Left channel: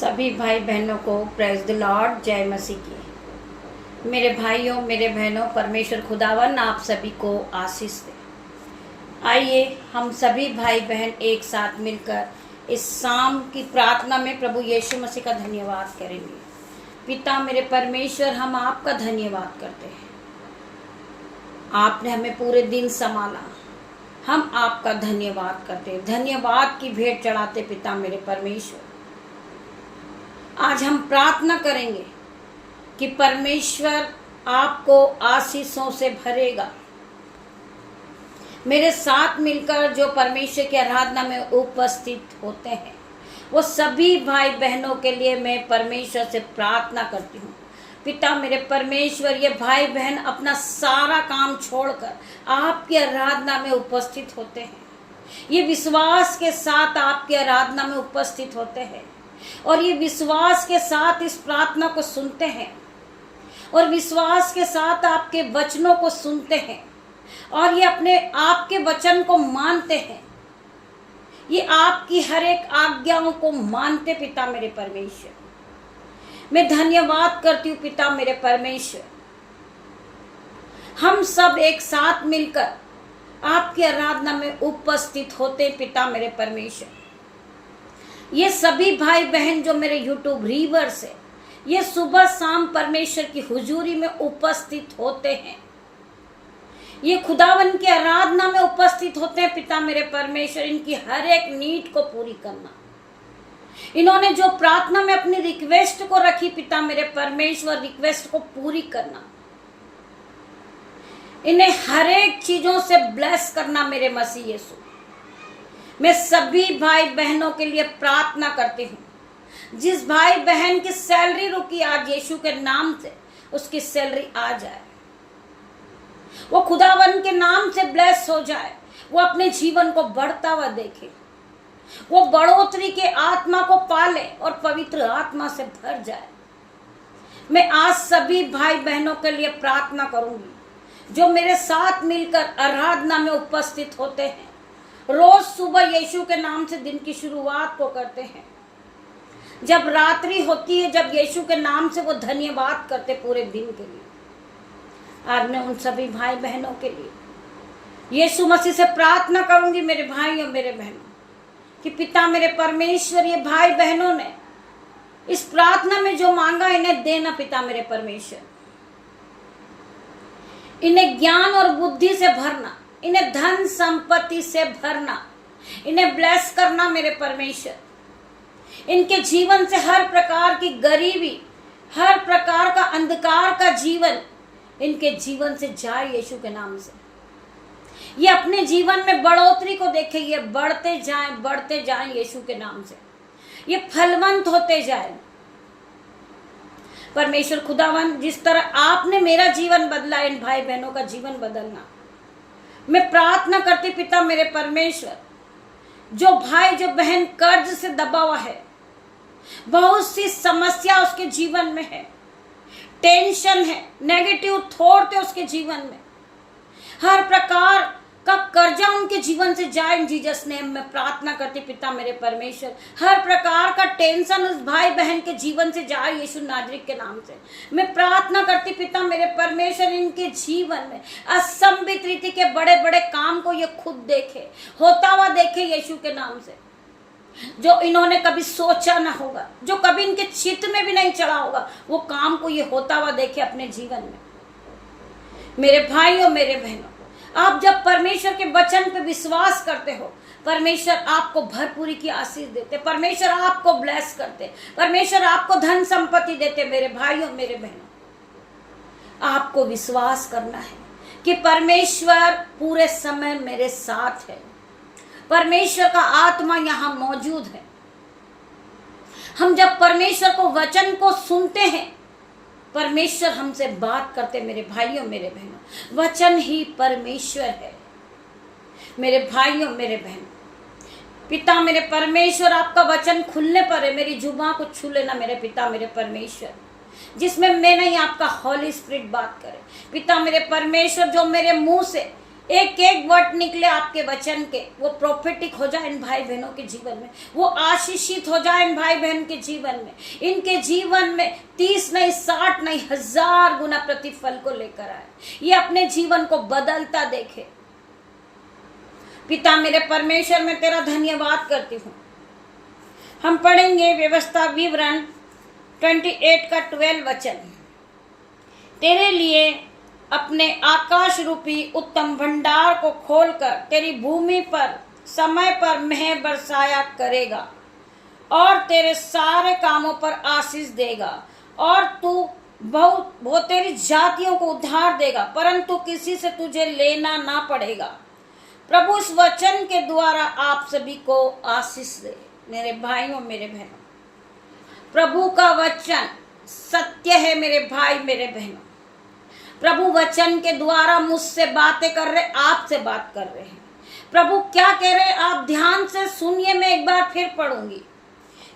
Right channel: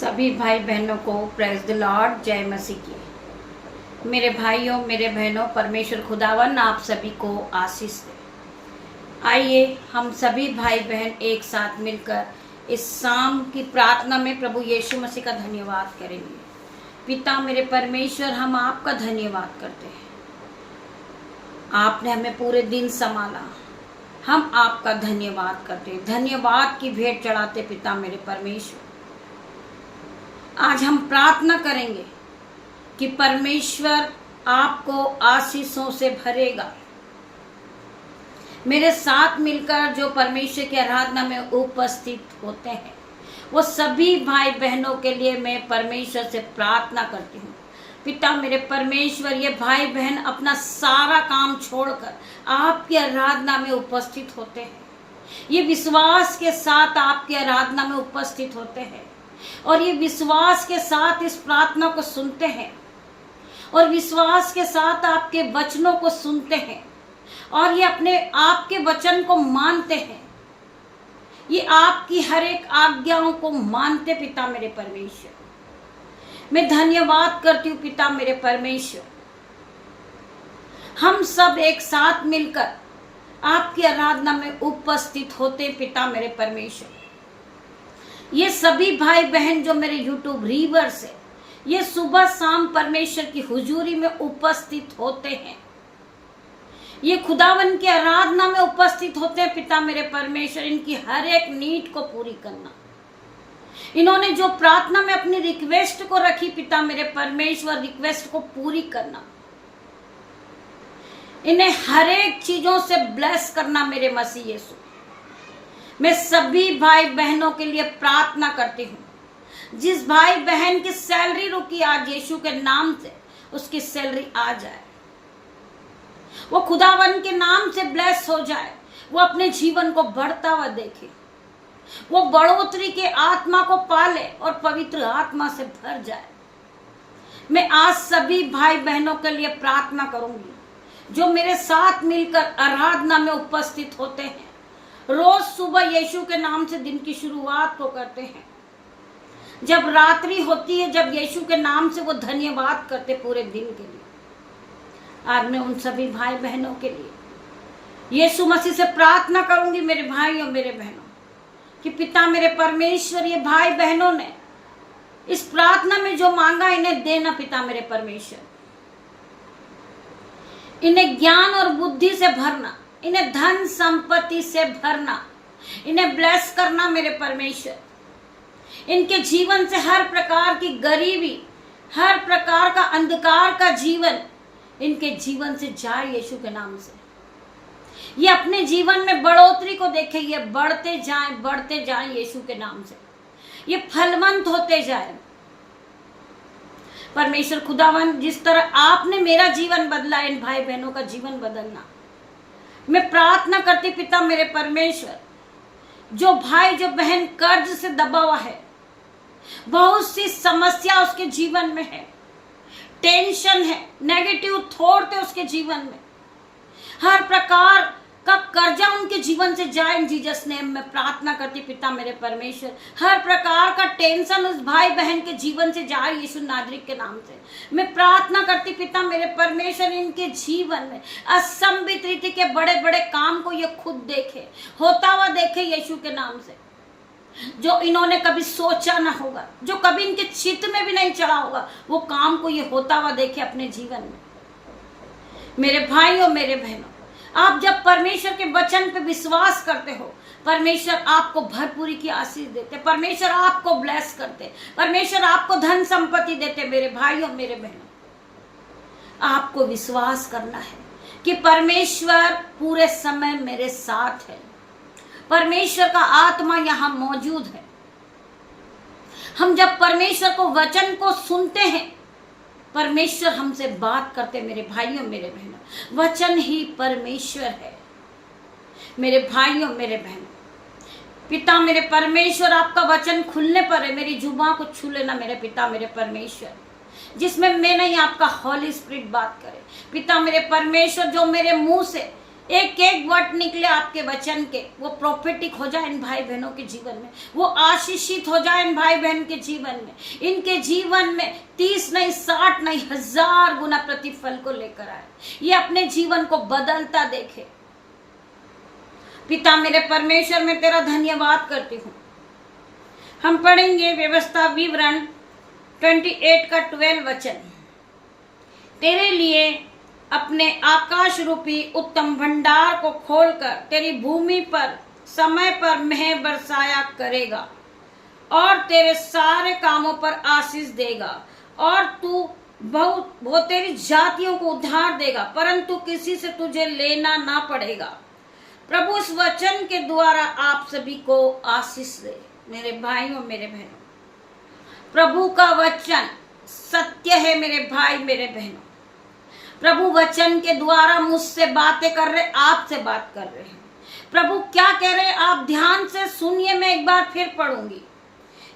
सभी भाई बहनों को प्रेज द लॉर्ड, जय मसीह की। मेरे भाइयों, मेरे बहनों, परमेश्वर खुदावन आप सभी को आशीष दे। आइए हम सभी भाई बहन एक साथ मिलकर इस शाम की प्रार्थना में प्रभु यीशु मसीह का धन्यवाद करेंगे। पिता मेरे परमेश्वर, हम आपका धन्यवाद करते हैं। आपने हमें पूरे दिन संभाला, हम आपका धन्यवाद करते हैं। धन्यवाद की भेंट चढ़ाते पिता मेरे परमेश्वर। आज हम प्रार्थना करेंगे कि परमेश्वर आपको आशीषों से भरेगा। मेरे साथ मिलकर जो परमेश्वर की आराधना में उपस्थित होते हैं वो सभी भाई बहनों के लिए मैं परमेश्वर से प्रार्थना करती हूँ। पिता मेरे परमेश्वर, ये भाई बहन अपना सारा काम छोड़कर आपकी आराधना में उपस्थित होते हैं। ये विश्वास के साथ आपकी आराधना में उपस्थित होते हैं और ये विश्वास के साथ इस प्रार्थना को सुनते हैं और विश्वास के साथ आपके वचनों को सुनते हैं और ये अपने आपके वचन को मानते हैं। ये आपकी हर एक आज्ञाओं को मानते पिता मेरे परमेश्वर। मैं धन्यवाद करती हूँ पिता मेरे परमेश्वर। हम सब एक साथ मिलकर आपकी आराधना में उपस्थित होते पिता मेरे परमेश्वर। ये सभी भाई बहन जो मेरे यूट्यूब रीवर्स है, ये सुबह शाम परमेश्वर की हुजूरी में उपस्थित होते हैं। ये खुदावन की आराधना में उपस्थित होते हैं पिता मेरे परमेश्वर। इनकी हर एक नीड को पूरी करना, इन्होंने जो प्रार्थना में अपनी रिक्वेस्ट को रखी पिता मेरे परमेश्वर, रिक्वेस्ट को पूरी करना, इन्हें हर एक चीजों से ब्लेस करना मेरे मसीह यीशु। मैं सभी भाई बहनों के लिए प्रार्थना करती हूँ। जिस भाई बहन की सैलरी रुकी आज यीशु के नाम से, उसकी सैलरी आ जाए, वो खुदावन के नाम से ब्लेस हो जाए, वो अपने जीवन को बढ़ता हुआ देखे, वो बढ़ोतरी के आत्मा को पाले और पवित्र आत्मा से भर जाए। मैं आज सभी भाई बहनों के लिए प्रार्थना करूंगी जो मेरे साथ मिलकर आराधना में उपस्थित होते हैं। रोज सुबह यीशु के नाम से दिन की शुरुआत को करते हैं। जब रात्रि होती है, जब यीशु के नाम से वो धन्यवाद करते पूरे दिन के लिए। आज मैं उन सभी भाई बहनों के लिए यीशु मसीह से प्रार्थना करूंगी मेरे भाइयों, मेरे बहनों, कि पिता मेरे परमेश्वर, ये भाई बहनों ने इस प्रार्थना में जो मांगा इन्हें देना पिता मेरे परमेश्वर। इन्हें ज्ञान और बुद्धि से भरना, इन्हें धन संपत्ति से भरना, इन्हें ब्लेस करना मेरे परमेश्वर। इनके जीवन से हर प्रकार की गरीबी, हर प्रकार का अंधकार का जीवन इनके जीवन से जाए यीशु के नाम से। ये अपने जीवन में बढ़ोतरी को देखे, ये बढ़ते जाएं यीशु के नाम से। ये फलवंत होते जाएं। परमेश्वर खुदावन, जिस तरह आपने मेरा जीवन बदला, इन भाई बहनों का जीवन बदलना मैं प्रार्थना करती पिता मेरे परमेश्वर। जो भाई जो बहन कर्ज से दबा हुआ है, बहुत सी समस्या उसके जीवन में है, टेंशन है, नेगेटिव थॉट है उसके जीवन में, हर प्रकार का कर्जा उनके जीवन से जाए इन जीसस नेम में प्रार्थना करती पिता मेरे परमेश्वर। हर प्रकार का टेंशन उस भाई बहन के जीवन से जाए यीशु नाजरीक के नाम से मैं प्रार्थना करती पिता मेरे परमेश्वर। इनके जीवन में असंभित रीति के बड़े बड़े काम को ये खुद देखे, होता हुआ देखे यीशु के नाम से। जो इन्होंने कभी सोचा ना होगा, जो कभी इनके चित्त में भी नहीं चढ़ा होगा, वो काम को ये होता हुआ देखे अपने जीवन में। मेरे भाइयों, मेरे बहनों, आप जब परमेश्वर के वचन पे विश्वास करते हो, परमेश्वर आपको भरपूरी की आशीष देते, परमेश्वर आपको ब्लेस करते, परमेश्वर आपको धन संपत्ति देते। मेरे भाइयों, मेरे बहनों, आपको विश्वास करना है कि परमेश्वर पूरे समय मेरे साथ है। परमेश्वर का आत्मा यहां मौजूद है। हम जब परमेश्वर को वचन को सुनते हैं, परमेश्वर हमसे बात करते। मेरे भाइयों, मेरे बहनों, वचन ही परमेश्वर है। मेरे भाइयों, मेरे बहनों, पिता मेरे परमेश्वर, आपका वचन खुलने पर है, मेरी जुबान को छू लेना मेरे पिता मेरे परमेश्वर, जिसमें मैं नहीं आपका हॉली स्पिरिट बात करे। पिता मेरे परमेश्वर, जो मेरे मुंह से एक एक वर्ड निकले आपके वचन के, वो प्रोफेटिक हो जाए इन भाई बहनों के जीवन में, वो आशीषित हो जाए इन भाई बहन के जीवन में, इनके जीवन में 30 नहीं 60 नहीं 1000 गुना प्रतिफल को लेकर आए, ये अपने जीवन को बदलता देखे। पिता मेरे परमेश्वर, मैं तेरा धन्यवाद करती हूँ। हम पढ़ेंगे व्यवस्था विवरण 28 का 12 वचन। तेरे लिए अपने आकाश रूपी उत्तम भंडार को खोलकर तेरी भूमि पर समय पर मेह बरसाया करेगा और तेरे सारे कामों पर आशीष देगा, और तू वो तेरी जातियों को उद्धार देगा, परंतु किसी से तुझे लेना ना पड़ेगा। प्रभु इस वचन के द्वारा आप सभी को आशीष दे। मेरे भाइयों मेरे बहनों, प्रभु का वचन सत्य है मेरे भाई मेरे बहनों। प्रभु वचन के द्वारा मुझसे बातें कर रहे, आपसे बात कर रहे हैं। प्रभु क्या कह रहे हैं आप ध्यान से सुनिए, मैं एक बार फिर पढ़ूंगी।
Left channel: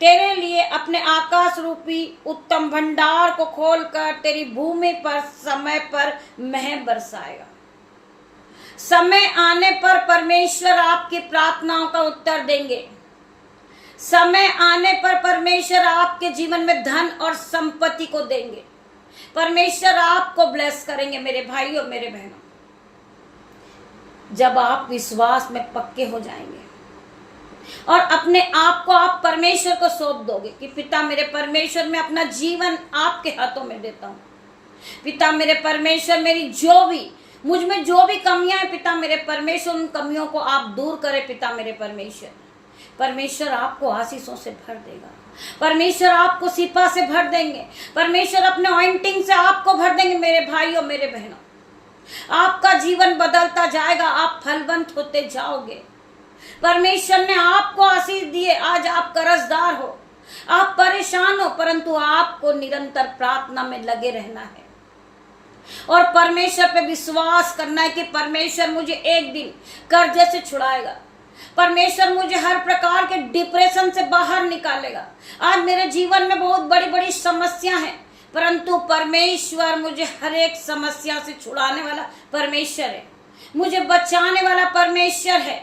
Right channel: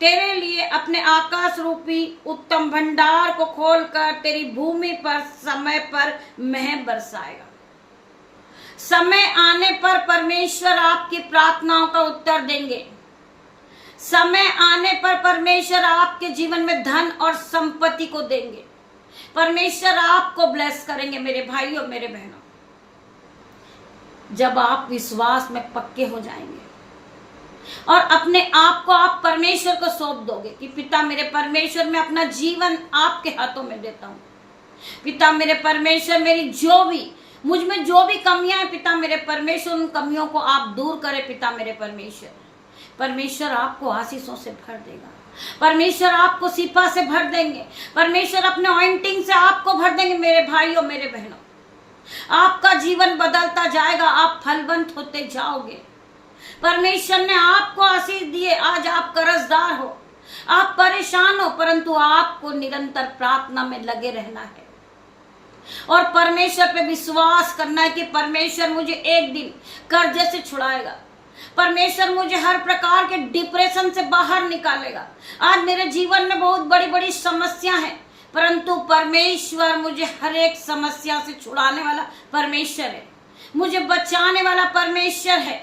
तेरे लिए अपने आकाश रूपी उत्तम भंडार को खोलकर तेरी भूमि पर समय पर मेह बरसाएगा। समय आने पर परमेश्वर आपकी प्रार्थनाओं का उत्तर देंगे। समय आने पर परमेश्वर आपके जीवन में धन और संपत्ति को देंगे। परमेश्वर आपको ब्लेस करेंगे मेरे भाइयों मेरे बहनों, जब आप विश्वास में पक्के हो जाएंगे और अपने आप को आप परमेश्वर को सौंप दोगे कि पिता मेरे परमेश्वर, मैं अपना जीवन आपके हाथों में देता हूं। पिता मेरे परमेश्वर, मेरी मुझ में जो भी कमियां हैं पिता मेरे परमेश्वर, उन कमियों को आप दूर करें पिता मेरे परमेश्वर। परमेश्वर आपको आशीषों से भर देगा, परमेश्वर आपको सिफा से भर देंगे, परमेश्वर अपने ऑइंटिंग से आपको भर देंगे मेरे भाइयों मेरे बहनों। आपका जीवन बदलता जाएगा, आप फलवंत होते जाओगे। परमेश्वर ने आपको आशीष दिए, आज आप कर्जदार हो, आप परेशान हो, परंतु आपको निरंतर प्रार्थना में लगे रहना है और परमेश्वर पे विश्वास करना है कि परमेश्वर मुझे एक दिन कर्जे से छुड़ाएगा, परमेश्वर मुझे हर प्रकार के डिप्रेशन से बाहर निकालेगा। आज मेरे जीवन में बहुत बड़ी बड़ी समस्या है, परंतु परमेश्वर मुझे हर एक समस्या से छुड़ाने वाला परमेश्वर है, मुझे बचाने वाला परमेश्वर है।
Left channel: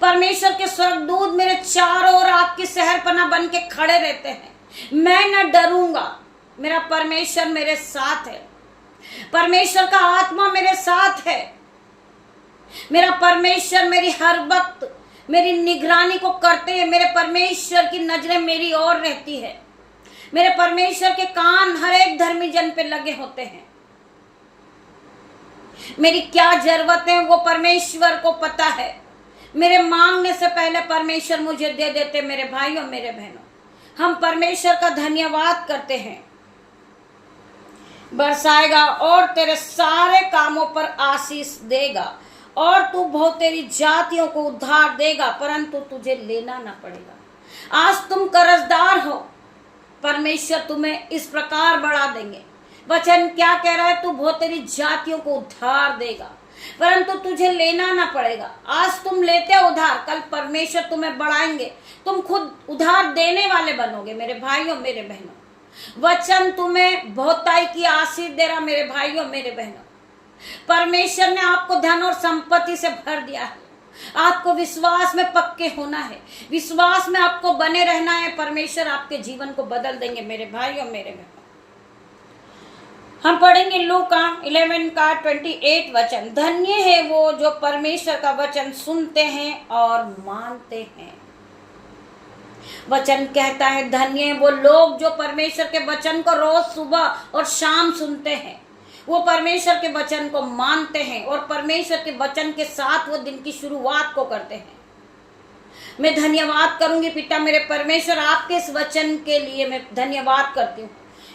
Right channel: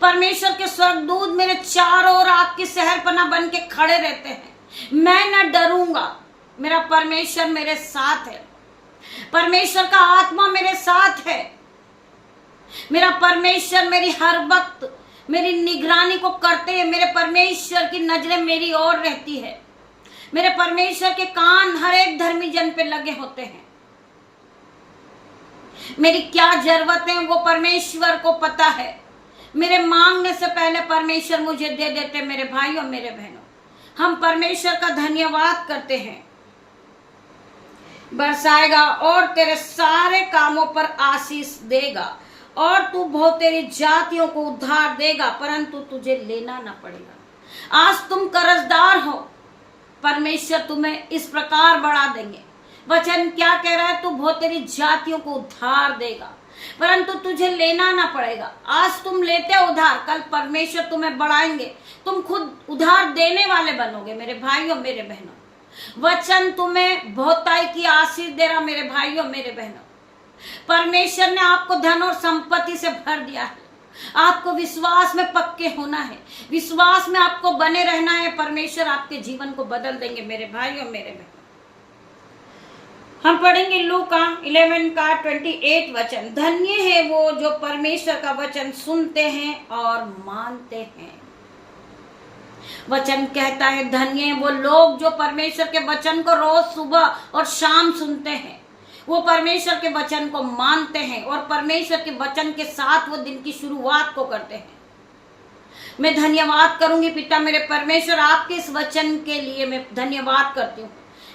परमेश्वर के स्वर्गदूत मेरे चारों ओर आग की शहरपनाह बन के खड़े रहते हैं। मैं न डरूंगा, मेरा परमेश्वर मेरे साथ है, परमेश्वर का आत्मा मेरे साथ है। मेरा परमेश्वर मेरी हर वक्त मेरी निगरानी को करते हैं, मेरे परमेश्वर की नजरें मेरी ओर रहती है, मेरे परमेश्वर के कान हर एक धर्मी जन पे लगे होते हैं। मेरी क्या जरूरत है वो परमेश्वर को पता है, मेरे मांगने से पहले परमेश्वर मुझे दे देते। मेरे भाइयों मेरे बहनों, हम परमेश्वर का धन्यवाद करते हैं। बरसाएगा और तेरे सारे कामों पर आशीष देगा, और तू बहुत तेरी जातियों को उद्धार देगा, परंतु तुझे लेना ना पड़ेगा। आज तुम कर्जदार हो, परमेश्वर तुम्हें इस प्रकार बढ़ा देंगे। वचन क्या कह रहा है? तू बहुत तेरी जातियों को उद्धार देगा, परंतु तुझे लेना ना पड़ेगा। आज तुम लेते हो उधार, कल परमेश्वर तुम्हें बढ़ाएंगे, तुम खुद उधार देने वाले बनोगे। मेरे भाइयों मेरे बहनों, वचन तुम्हें बहुताई की आशीष दे रहा। मेरे भाइयों मेरे बहनों, परमेश्वर ने आपको धन और संपत्ति से भर दिया है। आपको विश्वास में पक्के होना है, विश्वास में आपको बने रहना है। परमेश्वर आपके जीवन को बदल देंगे। मेरे भाइयों मेरे बहनों, हम पढ़ेंगे लूका 11 का 28 वचन। धन्य है वो जो परमेश्वर का वचन सुनते हैं और मानते हैं। वचन कहता है धन्य वो लोग जो परमेश्वर के वचन को रोज सुबह और शाम सुनते हैं, वो परमेश्वर के वचन को मानते हैं और परमेश्वर के वचन के साथ वो दिन की शुरुआत को करते हैं। मैं धन्यवाद करूंगी पिता मेरे परमेश्वर, आपके इस वचन के लिए मैं धन्यवाद करती हूँ।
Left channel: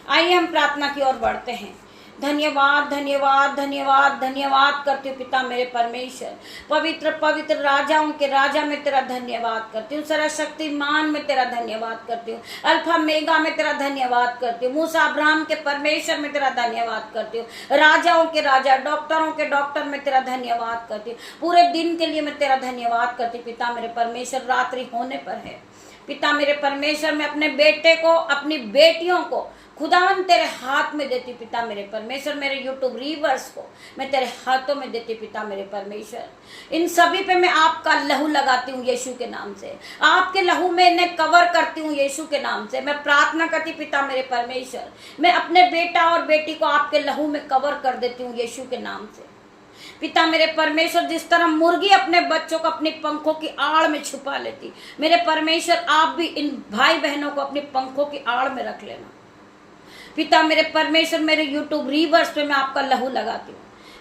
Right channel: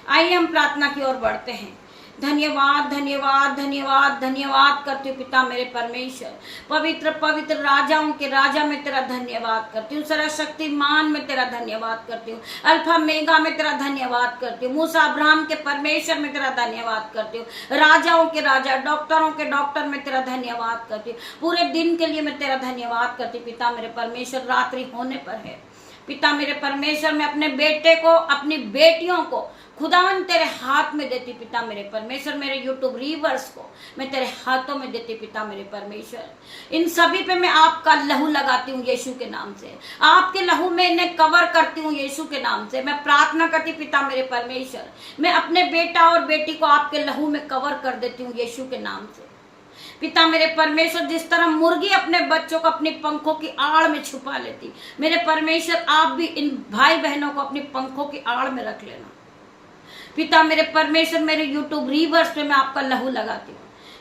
आइए हम प्रार्थना की ओर बढ़ते हैं। धन्यवाद धन्यवाद धन्यवाद धन्यवाद करती हूँ पिता मेरे परमेश्वर। पवित्र पवित्र राजाओं के राजा में तेरा धन्यवाद करती हूँ। सर्वशक्तिमान में तेरा धन्यवाद करती हूँ। अल्फा मेगा में तेरा धन्यवाद करती हूँ। मूसा अब्राहम के परमेश्वर में तेरा धन्यवाद करती हूँ। राजाओं के राजा, डॉक्टरों के डॉक्टर में तेरा धन्यवाद करती हूँ। पूरे दिन के लिए मैं तेरा धन्यवाद करती हूँ पिता मेरे परमेश्वर। रात्रि होने पर है पिता मेरे परमेश्वर, मैं अपने बेटे को, अपनी बेटियों को खुदावन तेरे हाथ में देती पिता मेरे परमेश्वर। मेरे यूट्यूब रीवर्स को मैं तेरे हाथों में देती पिता मेरे परमेश्वर। इन सभी पे मैं आपका लहू लगाती हूँ यीशु के नाम से। आपके लहू में इन्हें कवर करती हूँ यीशु के नाम से। मैं प्रार्थना करती पिता मेरे परमेश्वर, मैं अपने बेटा और बेटी को आपके लहू में कवर कर देती हूँ यीशु के नाम से। पिता मेरे परमेश्वर, जिस तरह मुर्गी अपने बच्चों को अपनी पंखों की आड़ में छुपा लेती, मेरे परमेश्वर आप भी इन भाई बहनों को अपनी पंखों की आड़ में रख लेना पिता मेरे परमेश्वर। मेरे यूट्यूब रीवर्स पे मैं आपका लहू लगाती हूँ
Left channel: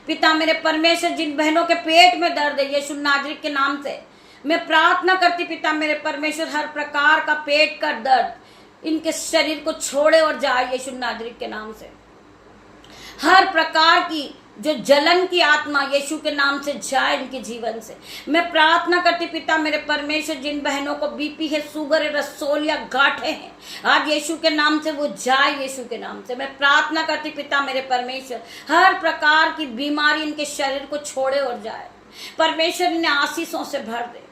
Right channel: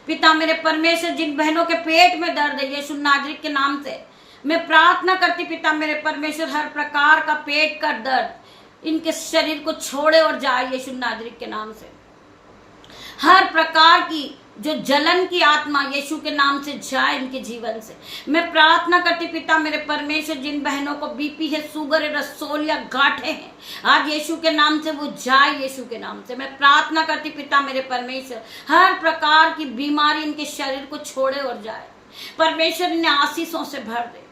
पिता मेरे परमेश्वर। जिन बहनों के पेट में दर्द है यीशु नाजरीत के नाम से मैं प्रार्थना करती पिता मेरे परमेश्वर, हर प्रकार का पेट का दर्द इनके शरीर को छोड़े और जाए यीशु नाजरीत के नाम से। हर प्रकार की जो जलन की आत्मा यीशु के नाम से जाए इनके जीवन से। मैं प्रार्थना करती पिता मेरे परमेश्वर, जिन बहनों को बीपी है, शुगर है, रसोल या गांठे हैं, आज यीशु के नाम से वो जाए यीशु के नाम से। मैं प्रार्थना करती पिता मेरे परमेश्वर, हर प्रकार की बीमारी इनके शरीर को छोड़े और जाए परमेश्वर, इन्हें आशीषों से भर दे।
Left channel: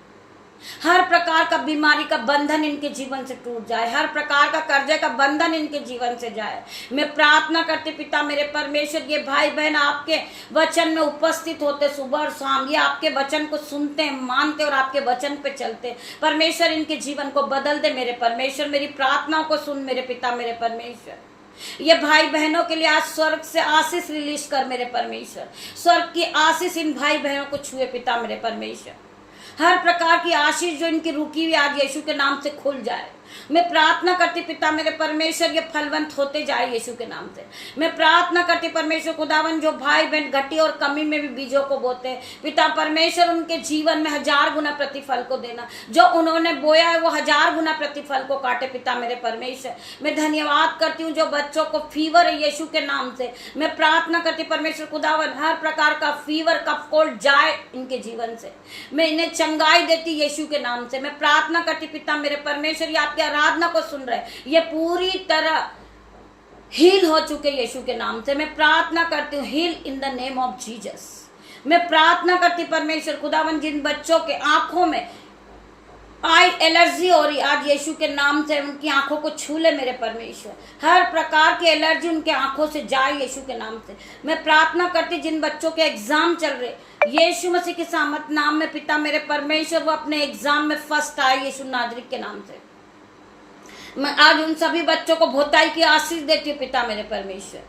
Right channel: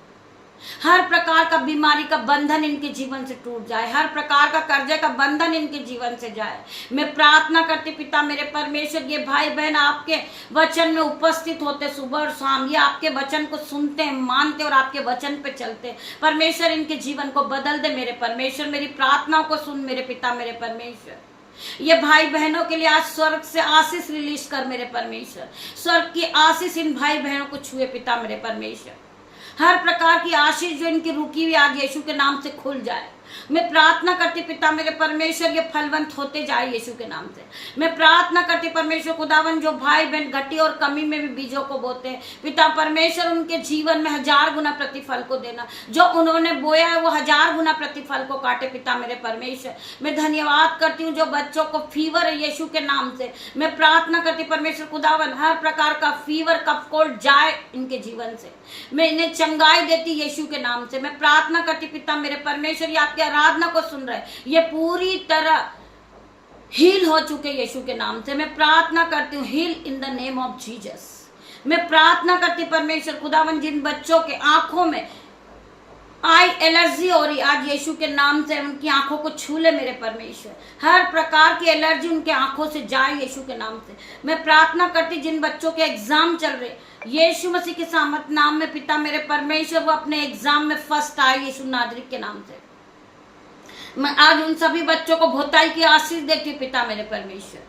हर प्रकार का बीमारी का बंधन इनके जीवन से टूट जाए, हर प्रकार का कर्जे का बंधन इनके जीवन से जाए। मैं प्रार्थना करती पिता मेरे परमेश्वर, ये भाई बहन आपके वचन में उपस्थित होते सुबह और शाम, ये आपके वचन को सुनते हैं, मानते और आपके वचन पे चलते परमेश्वर, इनके जीवन को बदल दे मेरे परमेश्वर। मेरी प्रार्थनाओं को सुन मेरे पिता मेरे परमेश्वर। ये भाई बहनों के लिए आज स्वर्ग से आशीष रिलीज कर मेरे परमेश्वर। स्वर्ग की आशीष इन भाई बहनों को छुए पिता मेरे परमेश्वर। हर प्रकार की आशीष जो इनकी रुकी हुई आज यीशु के नाम से खुल जाए। मैं प्रार्थना करती पिता मेरे परमेश्वर, ये फलवंत होते जाए यीशु के नाम से। मैं प्रार्थना करती परमेश्वर खुदावन, जो भाई बहन घटी और कमी में भी बीजों को बोते हैं पिता परमेश्वर, उनके जीवन में 1000 गुना प्रतिफल को देना। जो उन्होंने बोया है वो 1000 गुना प्रतिफल को काटे पिता मेरे परमेश्वर। मैं धन्यवाद करती हूँ जो बच्चों को फीवर है यीशु के नाम से। मैं प्रार्थना करती परमेश्वर खुदावन, हर प्रकार का फीवर कफ कोल्ड जाए इनके जीवन से। मैं इन्हें चंगाई देती यीशु के नाम से। मैं प्रार्थना करती पिता मेरे परमेश्वर, ये आपके आराधना को सुन रहे, ये पूरी तरह हील हो चुके यीशु के नाम से। मैं प्रार्थना करती हूँ, heal in the name of Jesus. मैं प्रार्थना करती परमेश्वर खुदावन, जिन बच्चों के आंखों में आई एलर्जी हो रही, आज यीशु के नाम से उनकी आंखों को छू ले मेरे परमेश्वर। हर प्रकार की एलर्जी उनके आंखों से जाए यीशु के नाम से। मैं प्रार्थना करती, जिन बच्चों के एग्जाम चल रहे यीशु मसीह के सामर्थ नाम में पिता मेरे परमेश्वर, वो अपने एग्जाम में फर्स्ट आए यीशु नाजरीत के नाम से। मैं आज उन सभी बच्चों को भोताई की आशीष देती हूँ पिता मेरे परमेश्वर।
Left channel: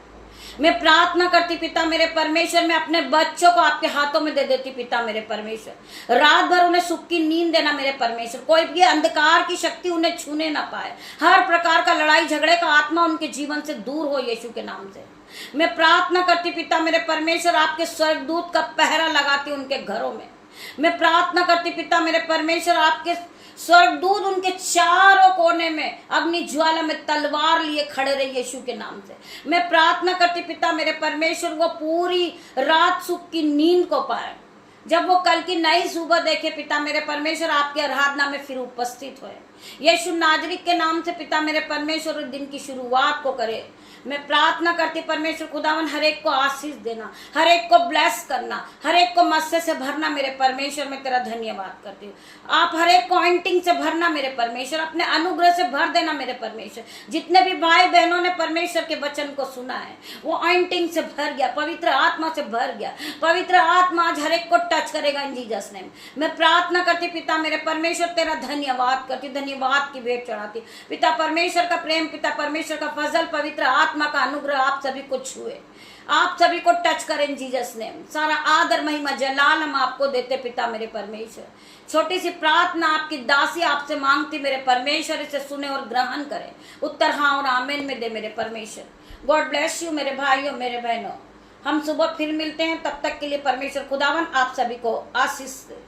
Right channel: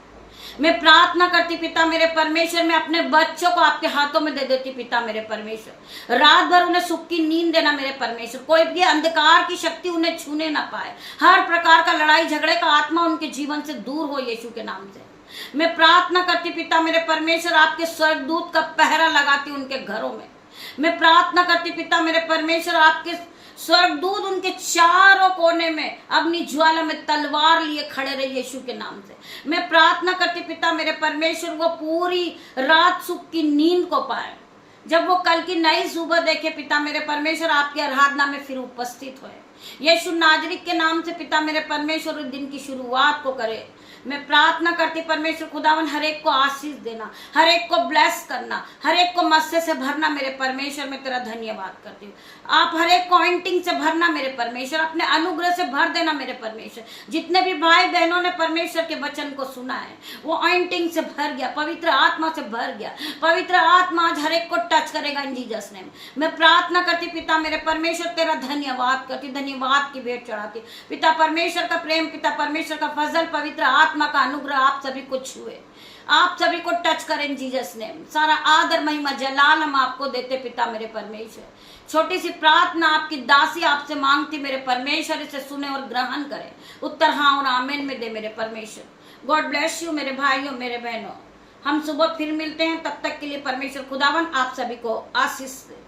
मैं प्रार्थना करती पिता मेरे परमेश्वर, मैं अपने बच्चों को आपके हाथों में दे देती पिता मेरे परमेश्वर। रात भर उन्हें सुख की नींद देना मेरे परमेश्वर, कोई भी अंधकार की शक्ति उन्हें छूने ना पाए। हर प्रकार का लड़ाई झगड़े का आत्मा उनके जीवन से दूर हो यीशु के नाम से। मैं प्रार्थना करती पिता मेरे परमेश्वर, आपके स्वर्गदूत का पहरा लगाती उनके घरों में। मैं प्रार्थना करती पिता मेरे परमेश्वर, आपके स्वर्गदूत उनके चारों कोने में अग्नि ज्वाला में तलवार लिए खड़े रहे यीशु के नाम से। मैं प्रार्थना करती पिता मेरे परमेश्वर, वो पूरी रात सुख की नींद को पाए, जब वो कल की नई सुबह देखे पिता मेरे परमेश्वर, आपकी आराधना में फिर उपस्थित हुए यीशु नाजरीत के नाम से पिता मेरे परमेश्वर, दिन की शुरुआत को करे। मैं प्रार्थना करती परमेश्वर खुदावन, हर एक को आशीष देना, हर एक को ब्लेस करना, हर एक को मस्से से भरना मेरे परमेश्वर। मैं तेरा धन्यवाद करती हूँ। आप हर एक को ऑइंटिंग से भरना मेरे परमेश्वर, अपने अनुग्रह से भर देना मेरे परमेश्वर। जितने भी भाई बहनों ने परमेश्वर के वचन को सुना है वो ऑइंटिंग से भर गया, पवित्र आत्मा से भर गया। पवित्र आत्मा आज हर एक को टच करेगा इन जीसस नेम। मैं प्रार्थना करती पिता मेरे परमेश्वर, तेरा धन्यवाद करती, धन्यवाद की भेंट चढ़ाती। पिता परमेश्वर का प्रेम, पिता परमेश्वर का फजल, पवित्र आत्मा का अनुग्रह आप सभी को छुए, आप सभी को टच करें जीसस नेम। सारा आदर महिमा जलाल हम आपको देते पिता मेरे परमेश्वर। छोटी सी प्रार्थना आपकी दासी आपसे मांगती मेरे परमेश्वर, इसे सुने और ग्रहण करें। उत्तर हाँ और आमीन में दे मेरे परमेश्वर। गॉड ब्लेस यू मेरे भाइयों मेरे बहनों। हम सुबह फिर मिलते हैं, तब तक के लिए परमेश्वर खुदावन आप सभी को आशीष दे।